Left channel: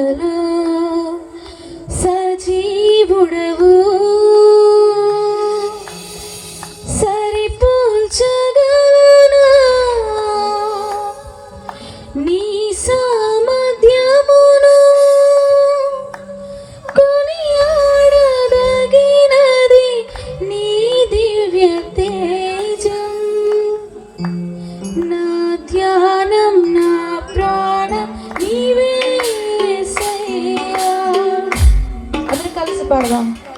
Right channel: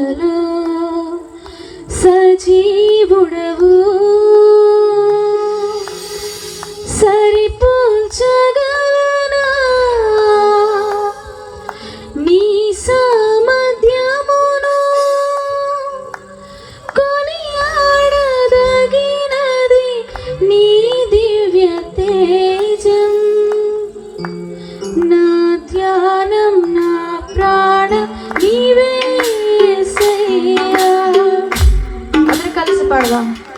love. 二了。